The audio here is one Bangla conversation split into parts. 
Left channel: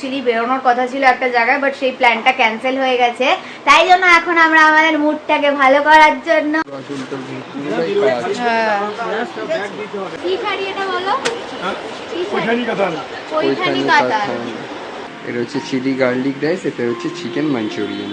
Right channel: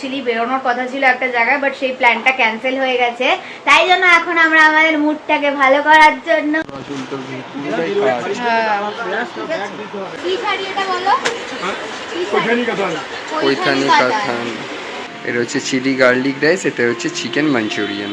অ্যাকচুয়ালি বেরোনোর কথা ছিল একটা জায়গায়, বাট সেই প্ল্যানটা ক্যান্সেল হয়ে গেছে। তাই জন্য এখন আমরা আমাদের মুডটাকে ভালো করার জন্য কি শাড়ি এটা বলো? পৈঠানি কাতান। এটা হচ্ছে চিলি গার্লিক রাইস, এটা হচ্ছে চিকেন মাঞ্চুরিয়ান।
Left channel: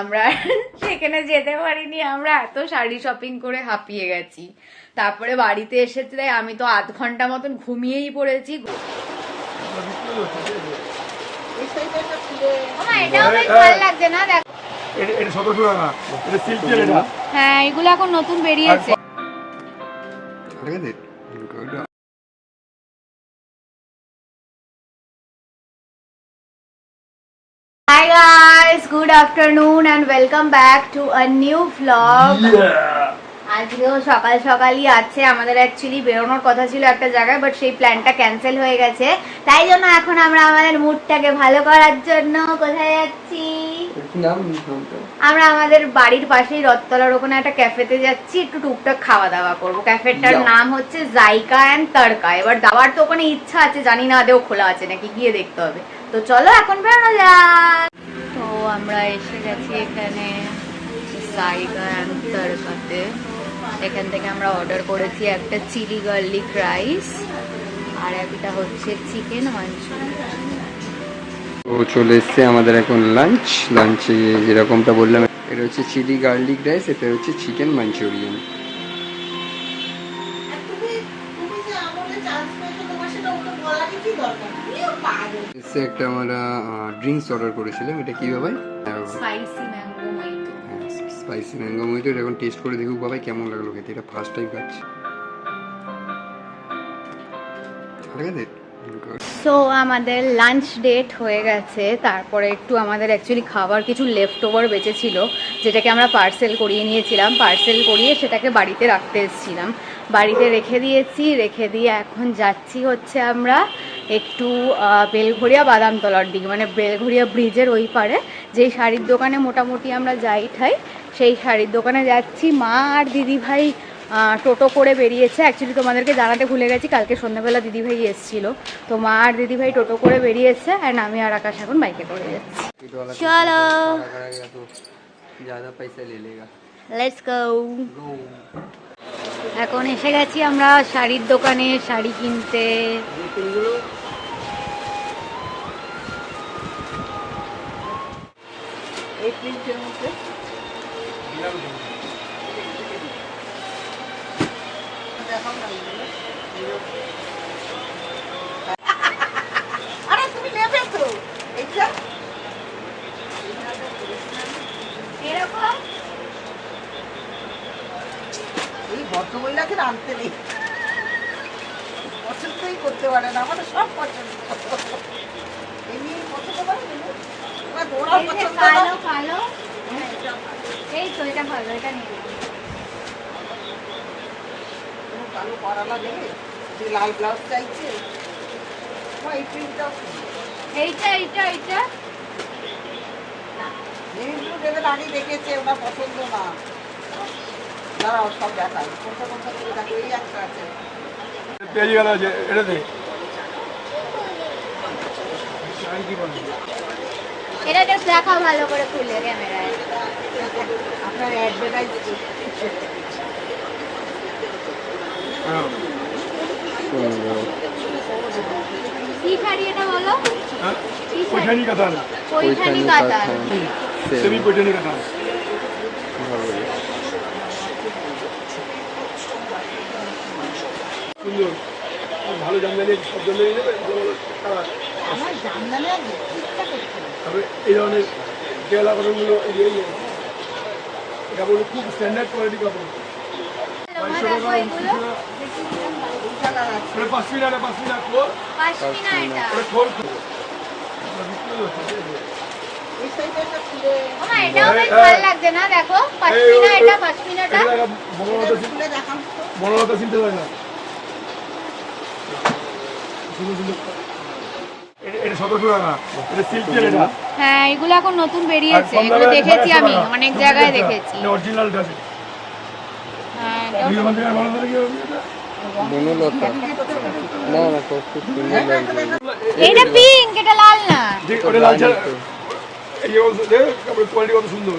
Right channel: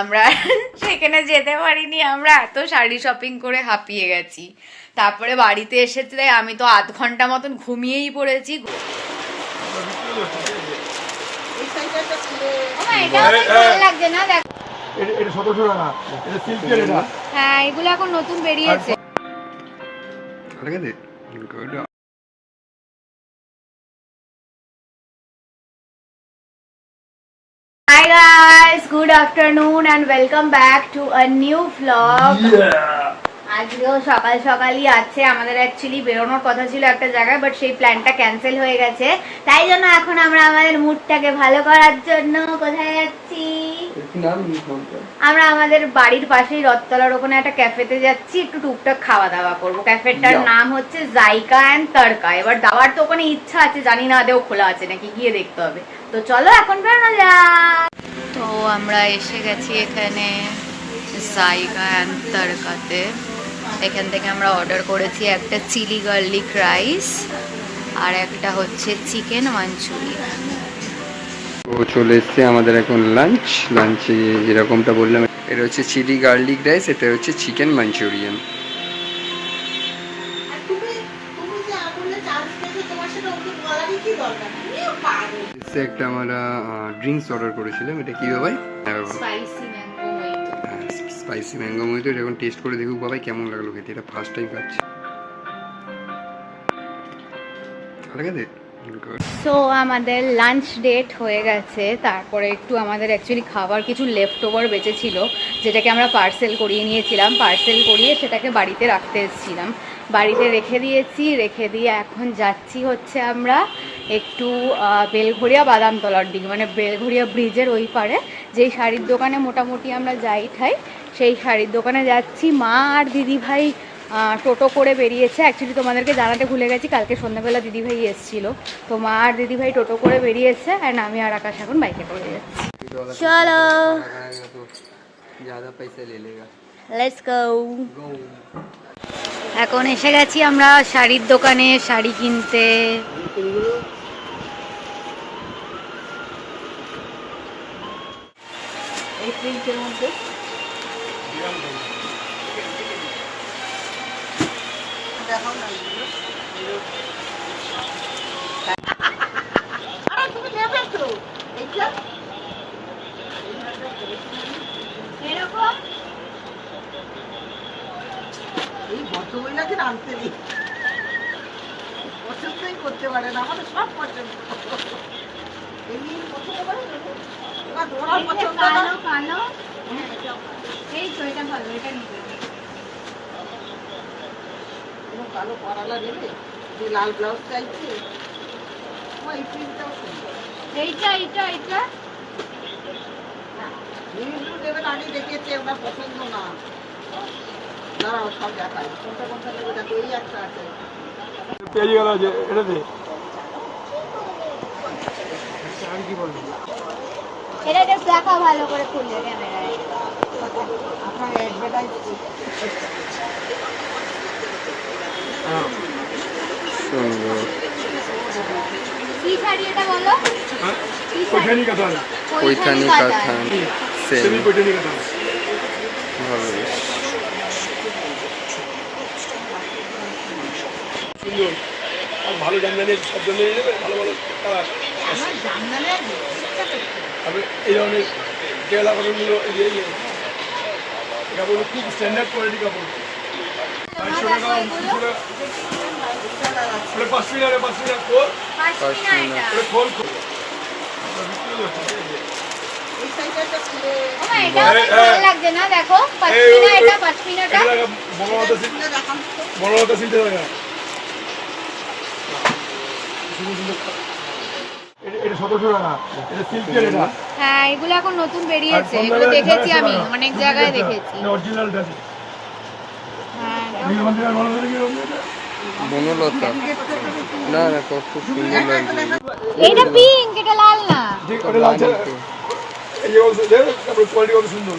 আমরা সেখানে যেতে পারিনি, আমরা এত শাড়ি শপিং করে হাঁপিয়ে গেছি। তারপরে বাড়িতে এসেছে, আমি তো আধ ঘন্টা মতন ঘুমিয়েই পড়েছি। হ্যাঁ, এগুলো এখন নতুন বেরিয়েছে। Hi guys, good afternoon and welcome back to a new vlog. আজকেও সকাল সকালই আছে, আমাদের অ্যাকচুয়ালি বেরোনোর কথা ছিল একটা জায়গায়, বাট সেই প্ল্যানটা ক্যান্সেল হয়ে গেছে। তাই জন্য এখন আমরা আমাদের মুডটাকে ভালো করার জন্য কোথায় যাচ্ছি? আমরা আমাদের বাড়ির পাশেই রথতলার ওখানে একটা ক্যাফেতে যাচ্ছি, একটু টুকটাক খাওয়া দাওয়া করবো। ক্যাফেটার নাম হচ্ছে জাইকা অ্যান্ড তড়কা। এবার দাওয়ার তো ওখানে ইচ্ছা আছে, জানি না আদেও খোলা আছে নাকি, গিয়ে দেখতে হবে। তো চলো এখন বেরোনো যাক। তো আমরা এসে গেছি এখানে জাইকা অ্যান্ড তড়কাতে। এখান থেকে আমরা অর্ডার করেছি একটা চিলি গার্লিক রাইস আর একটা হচ্ছে চিকেন মাঞ্চুরিয়ান। তো চলে এসছে আমাদের এখন লাঞ্চে যেরকমটা বললাম, এটা হচ্ছে চিলি গার্লিক রাইস, এটা হচ্ছে চিকেন মাঞ্চুরিয়ান। একটা আমরা ড্রিঙ্কস অর্ডার করেছিলাম, এটা কি ভাই? Spicy mango mojito. এটা এখন টেস্ট করে দেখুক বাবাই কেমন লাগলো খেতে, এটা ফার্স্ট টাইম খাচ্ছি। তো আমাদের লাঞ্চ ডেট হয়ে গেছে। তারপরে একটু আমাদের অ্যাকচুয়ালি খাবার কিছু লেফট ওভার বেঁচেছিল, যেটাকে আমরা পার্সেল করিয়ে নিয়েছিলাম। পার্সেল করিয়ে সেটাকে বাড়িতে রাখতে এসেছিলাম, বাড়িতে রেখে দিয়েছি। রেখে দিয়ে এখন যাচ্ছি হচ্ছে আমরা একটু বেলঘড়িয়া বাদামতলার দিকে, মানে বেলঘড়িয়া ব্রিজের ওই পারে যেই শাড়ির দোকানে মোটামুটি আমরা যাই খাই, সেই শাড়ির দোকানে যাচ্ছি। মা আর দিদিভাই টোটো করে বেরিয়েছে। অ্যাকচুয়ালি তোমাদেরকে জানাতে ভুলে গেছি, কালকে সন্ধ্যাবেলা দিদিভাই এসেছিল। তো মা আর দিদিভাই টোটো করে বেরিয়েছে, অ্যান্ড আমি আর আকাশ এখন বাইকে করে যাচ্ছি। চলো লেটস গো। এখন এসে গেছি আমরা শাড়ির দোকানে শাড়ি কিনতে। এই প্রিন্টের মধ্যে তুমি নেবে তো এরকম এই ভদ্রমহিলাকে আনতে নেই, পছন্দই করতে পারে না, আমাদের সব পছন্দ। এমনি পছন্দ করে ভালো। এই তো এটা ভালো, এটা নিয়ে কালো পরালা দেবে, যে লাল ব্লাউজ চাইছে। এইটা দেবেন, আগে দেখেছে, ওটা পছন্দ না। দাঁড়াও সব দেখায়, কোনটা দেবে দেখো। এই একটা আছে, এটা দেখা ভালো করে খুললে ক্যামেরায় আপনার অ্যাডভার্টাইজ। কি শাড়ি এটা বলো? পৈঠানি কাতান। পৈঠানি কাতান, সেমি পৈঠানি কাতান। ভালো সুন্দর, ভালো জামদানি, সব জামদানি নেবে, ভালো ভালো কালার। আমার জামদানি তবে এই ধরনের কেরালা কাপড়গুলো এটা বলবো খুব স্ট্যান্ডার্ড কোয়ালিটি কাপড়। 5 লাগছে না, দেখো বড় চিনতে হয় না। এটা 1700 টাকা, এটা সিল্কের এটা। হ্যাঁ এগুলো এখন নতুন আর বেরিয়েছে, কম এগুলো দামে দেখেছি 1100 আমি টাকা। অনেক জায়গায় দেখেছি। এটা অরিজিনালটা আছে। হ্যাঁ এই মন্দির আর বড় কি হবে এটা? বনলতা না না খুব সুন্দর লাগছে এইটা পিঙ্ক, এটা লাল না। ঠিক ওটা লাল ছাড়া এই যে বলছো যে তারপরে কোয়ালিটি কত সুন্দর।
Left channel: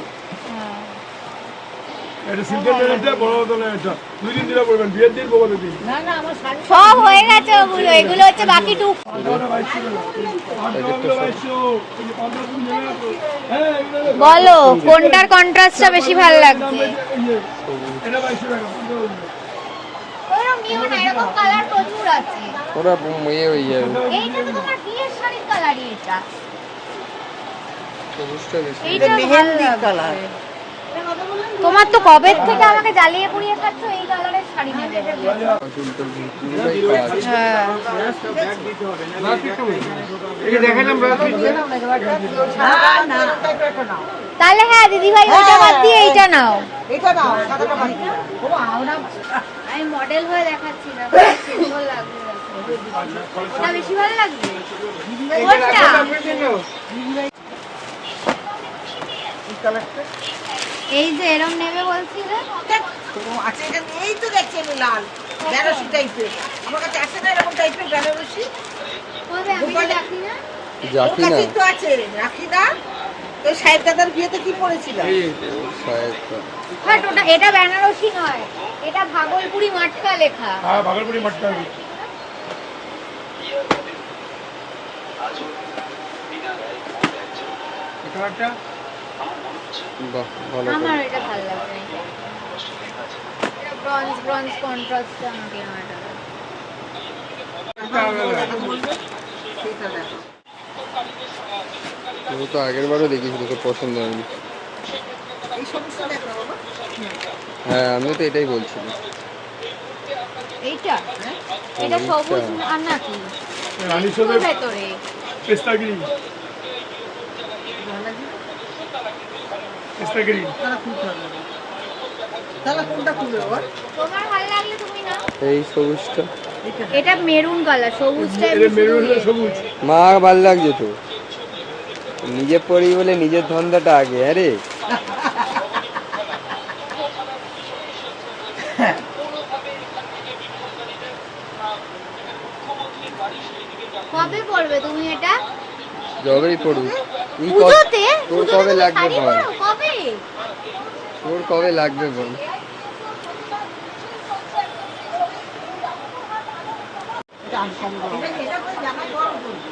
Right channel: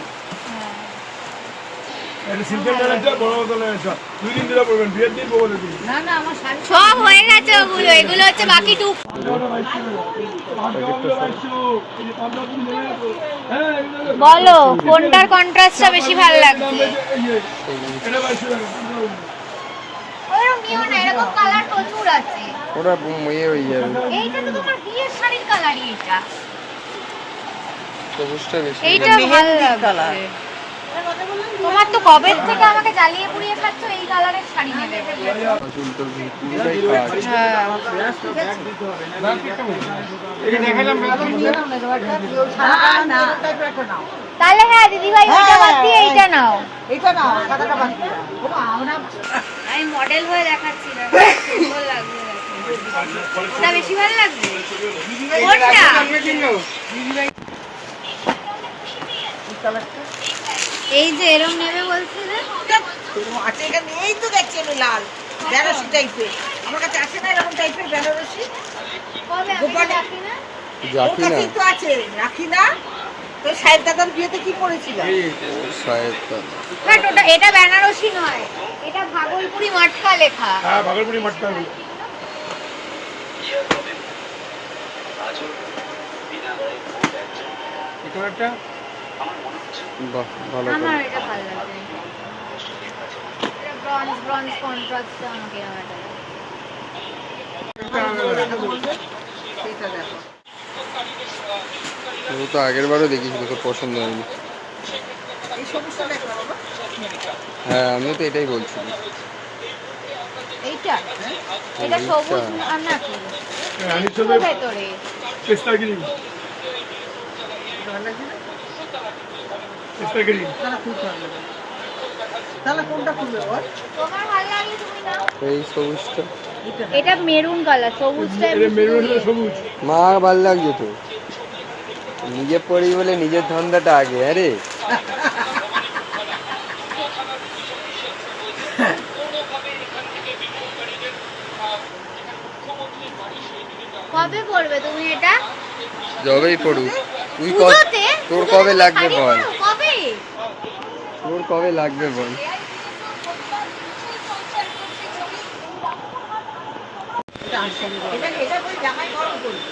এটা সিল্কের নেন একটা, বড় মতো নেন একটা, 2-3 দিন পরবেন, বিয়ের দিন বউদের দিন। সব হয়ে গেছে ওগুলো, এগুলো হচ্ছে বাকি টুক। বলো কোনটার কন্ট্রাস্টটা বেশি ভালো লাগছে? এটা 2200 টাকা। ওরকম নিও না, এরকম কালার প্রচুর আছে। ওরা মেয়ে হয়ে যাবে এইটা তো তোমার বিয়ের শাড়ির কালারই এটা। সবুজটা বেশি এইটা ভালো লাগছে। তোমার তো কবে থেকে আমাকে জ্বালিয়ে পুড়িয়ে খাচ্ছ এই কালারের শাড়ি নেবে বলে। চুল তোর পুরোটাই কাজ তাহলে হ্যাঁ দিদি ভাই ওইটা বাদ দিয়ে এইটা নাও। আমি মডেল হয়ে দেখাচ্ছি না, সুন্দর লাগবে দেখো। ওটা বেশি ভালো লাগবে কোনটা? এই যে এরম নেবে বলছিলে আছে এখানে, এই তো দেখছি আমি লাল বেনারসি টাইপের, আমার কাছে আছে না এরকম টাইপের বেনারসি? কবে? আমি তো দেখি না। ওর জাতি না কাছেই তো আছে, রাখি না? তো সাহেব দাদার বিয়েতে কি পড়েছিল? শায়দ বাট ওটা, এটা বেনারসি নয়, এটা ভাগলপুরি মটকা লেখা। হ্যাঁ, ভাগলপুরি মটকা। এই কালারটা বাহ ভালো আমার করে এটা ভালো লাগছে। এটা ব্রঞ্জ ব্রঞ্জ কন্ট্রাস্টটা আমাকে এরকম একটা লাগে। সেইটা দেখো। ও তো আগের বারও দেখিয়েছিল, তোর পছন্দ হয়নি। এই সবুজটা দেখো বাবা। হ্যাঁ আমি তো এটাই বলছিলাম। এইটা এটা সবুজ আর নাকি রানীর সাথে ভেতরে পেস্তা গ্রিন, পেস্তা গ্রিন। তাহলে খুলতে হবে না। তাহলে কোনটা খুলবে ওর? তোমার ভালো লাগলে তুমি নাও। এই সবুজটা এটা মেরুন কালার, সবুজটা এটা মেরুন সবুজ। মা ভালো লাগছে তো, নিজে পড়ি বলে নিজের ধান্দাটা আগে। আরে কবে পরবে তুমি এটা? যবেই পড়ুক তুই পুজোতে? তোর কবে লাগবে শাড়ি বল, পরো, কবে? তোর কবে লাগবে বল। এটা তো জামাই গরম করবে।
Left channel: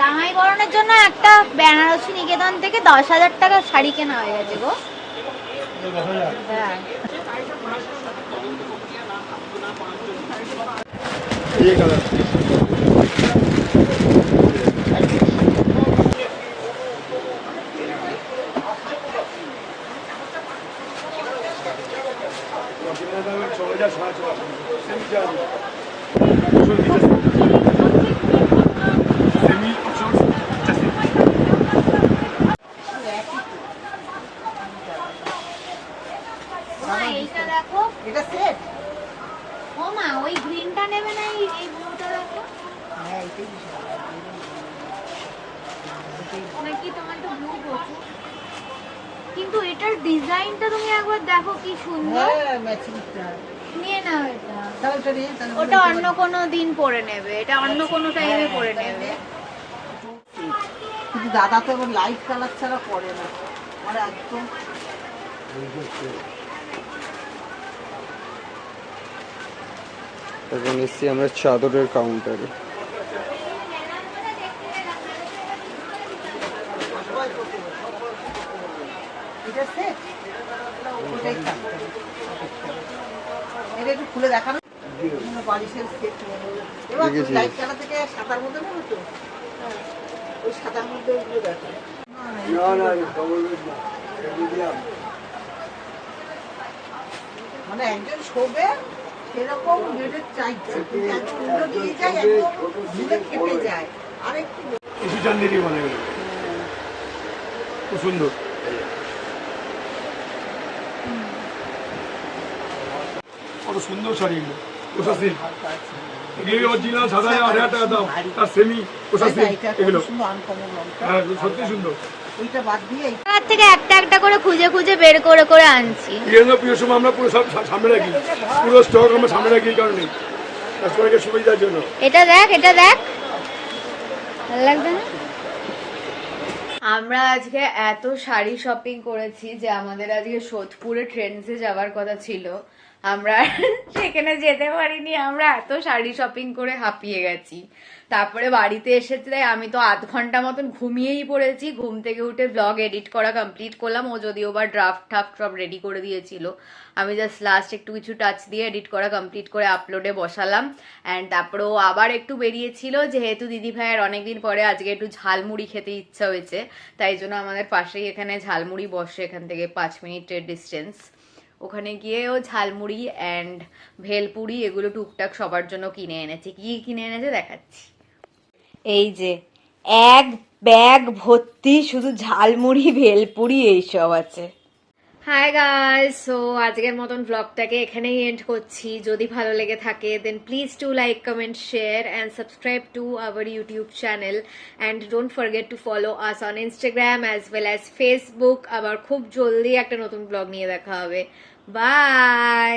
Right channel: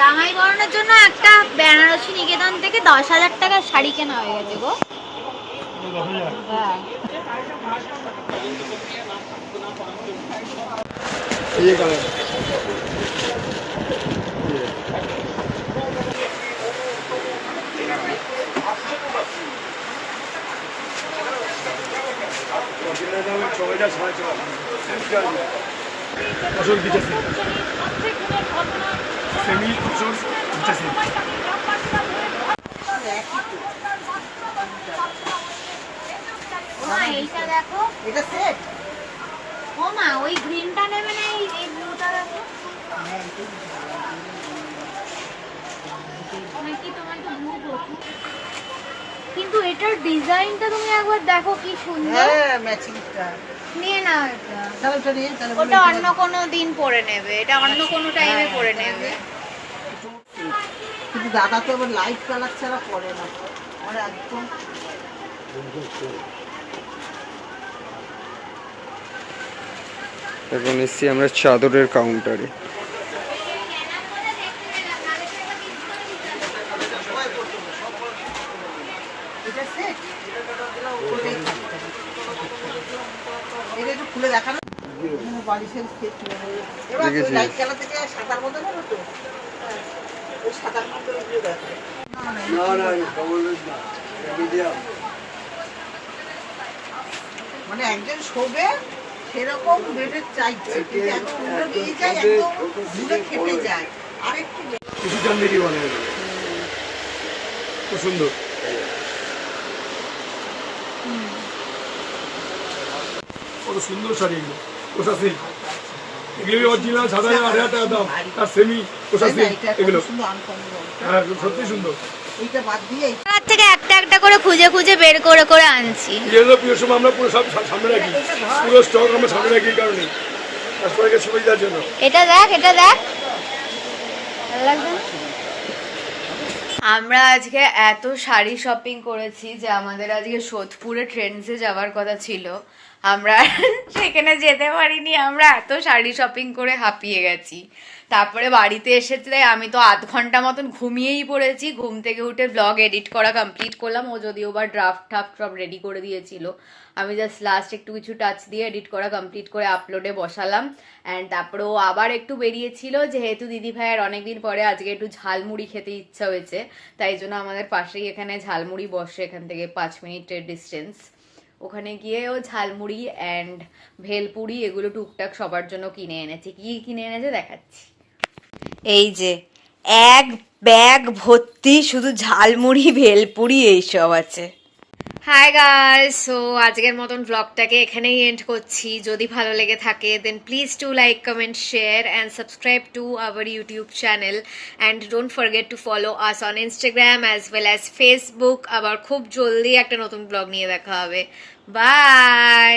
রাঙাই বরণের জন্য একটা বেনারসি নিকেতন থেকে 10,000 টাকার শাড়ি কেনা হয়ে গেছে গো। হ্যাঁ এই কালার ও মা, এইটা দেখো। এটা সেট? ও মা, ওই গ্রিনটা নেবে না, এই ব্লুটা দেখো। হ্যাঁ এটাই বেশি ভালো লাগে। নাকি তোমার তো ব্লু প্রচুর, কিন্তু এটার ডিজাইনটা তুমি একবার দেখো কি সুন্দর। হ্যাঁ ম্যাচিংটা। নিয়ে নাও এটা। তাহলে ওটা নিয়ে তাহলে ওটা অন্য কোনো দিন পরে নেবে, এটা অন্য কোনো টাইমে পরে নেবে। কিন্তু দাদা তো আবার লাইট কালার ছাড়া পরে না, আর একদম এখন এসছি আমরা চাদরের কাউন্টারে। এটা সেট। ওটাই থাকতে হবে। এটা একটু খুলে দেখানো বালিশের সেট। এবার দেখেছি। লাইট কালার থেকে সাদার মধ্যে না তো, ওই সাদার মধ্যে এগুলো দেখো। মানে একজন শোবে সেরকম বেডের চাইছে, কিন্তু একদম উল্টো দিকে যায়, একদম ধুলে খেটে যায়। আর একটু কুসু চান্দিনী বলে এটা। খুব সুন্দর। কত সুন্দর শাড়ি এগুলো, ওষা সিল্ক। এগুলো অরিজিনাল 7,000 টাকা দাম, আর সেমি প্রসেসিং এগুলো। হ্যাঁ সত্যি সুন্দর। ওইটা বাদ দিয়ে তার থেকে একটা একটা করে খুঁজে খুঁজে বের করে করে আনছি। প্রিয় সময় আমরা পুরো সব সামনে রাখি, পুরো স্টক আমরা সামনে রাখি, এই কারণে কাস্টমারকে সুবিধার জন্য। এটা দেখ, এটা দেখ, ভালো লাগবে না? আমরা আজকে এত শাড়ি শপিং করেছি যে আমাদের আজকে সোদপুরে ট্রেন্ডসে যাওয়ার কথা ছিল, আমরা সেখানে যেতে পারিনি। আমরা এত শাড়ি শপিং করে হাঁপিয়ে গেছি। তারপরে বাড়িতে এসেছে আমি তো 8 ঘন্টা মতন ঘুমিয়েই পড়েছি। ঘুম থেকে উঠে ব্লগ এডিট করা কমপ্লিট করলাম। ও যদিও বা ড্রাফট সব রেডি করে দিয়েছিল, আমি জাস্ট লাস্ট একটু কিছু টাচ দিয়ে এডিট করা কমপ্লিট করে আপলোডে বসালাম। অ্যান্ড তারপরে ও আবার একটু বেরিয়েছিল, যেহেতু দিদি ভাইয়ের অনেকদিন পরে আজকে একটু ঝালমুড়ি খেতে ইচ্ছা হয়েছে, তাই জন্য আমাদের পাশেই এখানে ঝালমুড়ি বসে, এখান থেকে 5 মিনিটের ডিস্টেন্স। ওখানে গিয়ে ও ঝালমুড়ি অ্যান্ড ভেলপুরি এগুলো টুকটাক সবার জন্য কিনে এনেছে। কি কিনে এনেছে দেখাচ্ছি। এই যে এক ব্যাগ ভর্তি শুধু ঝালমুড়ি ভেলপুরি এইসব আছে। হাই গাইস, সো আজকের মতন ব্লগটাকে এখানেই এন্ড করছি। যদি ভালো লেগে থাকে then please to like, comment, share and subscribe to our YouTube channel and don't forget to follow us on Instagram as well as Facebook. আবার খুব জলদি একটা নতুন ব্লগ নিয়ে দেখা হবে। বাই।